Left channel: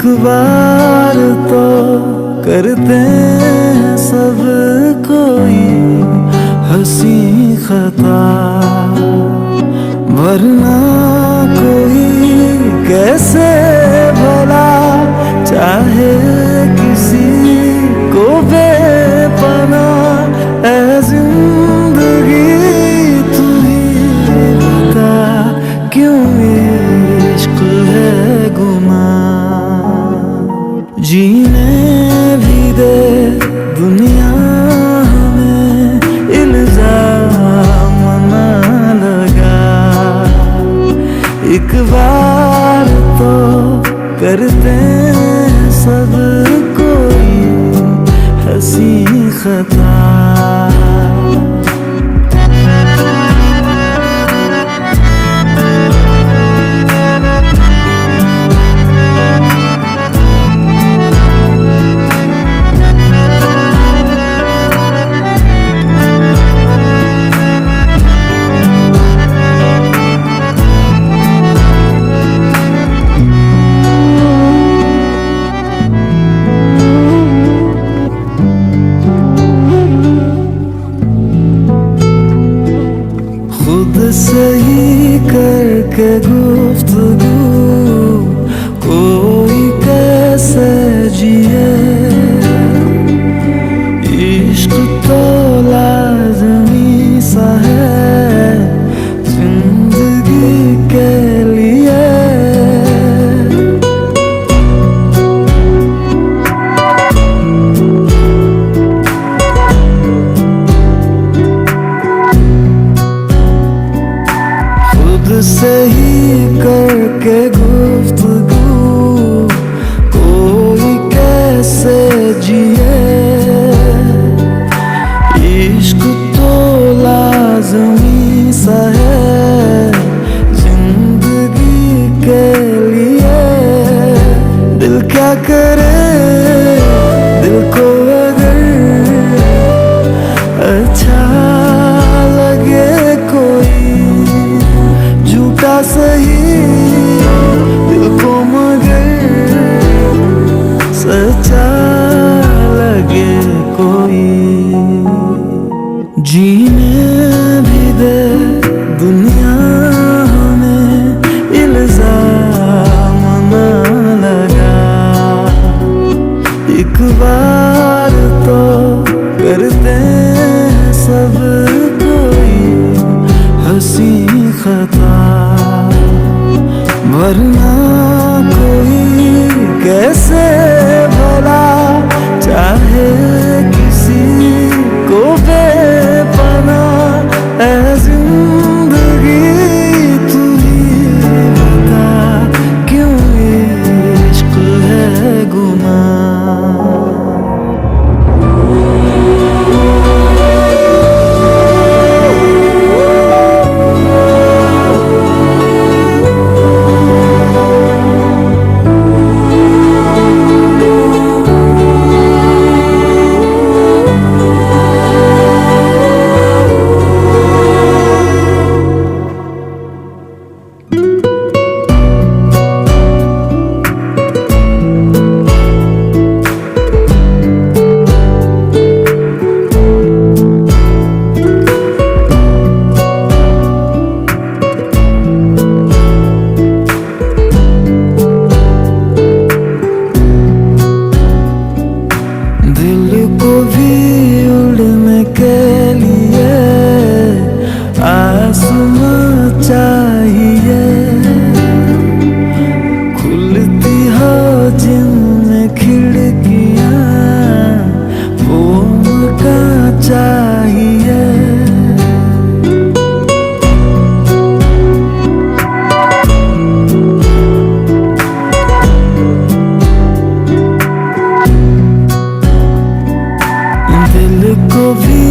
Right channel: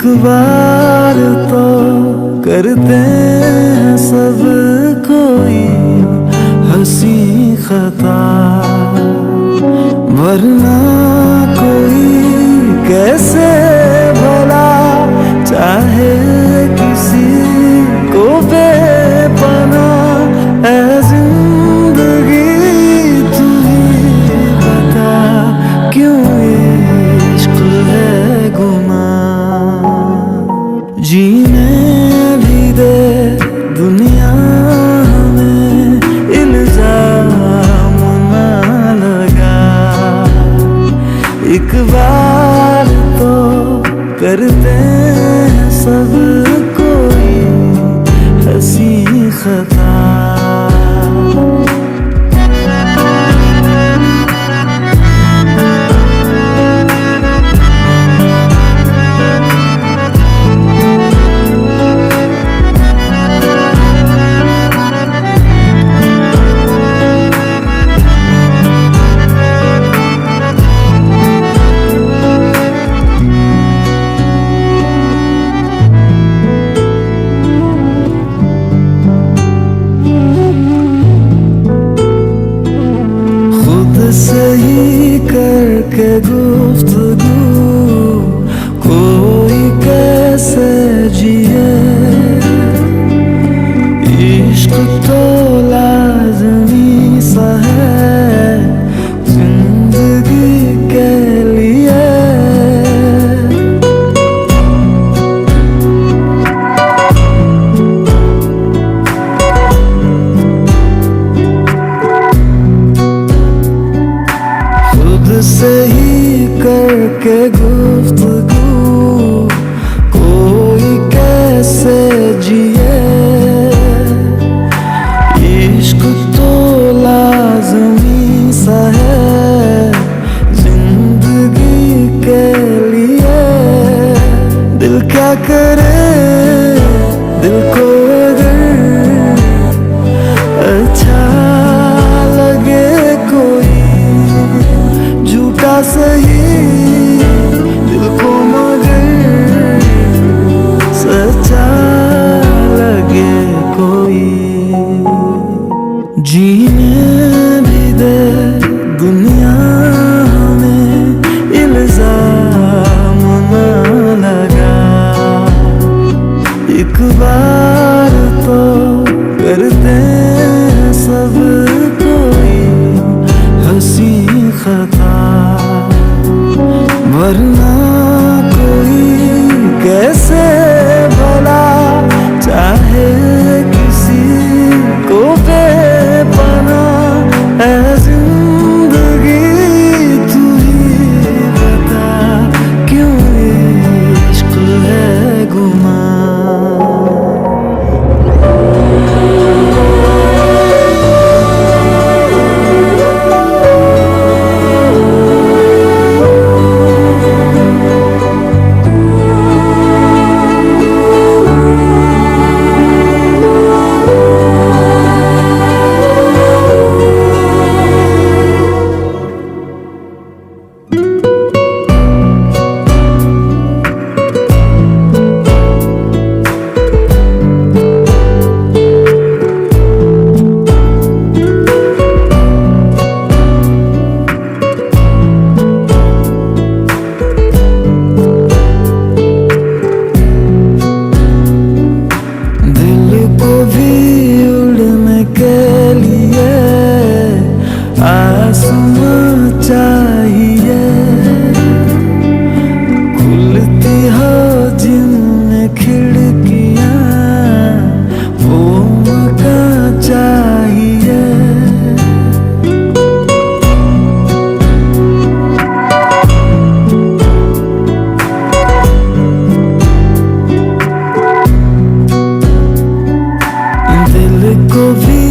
एक बार तो करते हैं सब कोई हंसी खता, वरना कोई कैसे भला चाहे किसी को बेपनाह। ऐ जिंदगी तू ही बता, क्यों इश्क है गुनाह। जीने भी दे दुनिया हमें, इल्जाम ना लगा। एक बार तो करते हैं सब कोई हंसी खता। खुद सही करके गुफ्तगू कोई कैसे जिए। इश्क तो लाज़मी सा है जिंदगी के लिए। सही करके गुफ्तगू कोई कैसे जिए। इश्क तो लाज़मी सा है जिंदगी के लिए। दिल क्या करे, दिल को अगर अच्छा लगे कोई झूठा सही, दिल को मगर सच्चा लगे कोई। जीने भी दे दुनिया हमें, इल्जाम ना लगा। एक बार तो करते हैं सब कोई हंसी खता, वरना कोई कैसे भला चाहे किसी को बेपनाह। ऐ जिंदगी तू ही बता, क्यों इश्क है गुनाह। को भी उड़ने के लिए आसमां चाहिए। खुलती हो जिनमें खिड़कियां, वो मकान चाहिए। को भी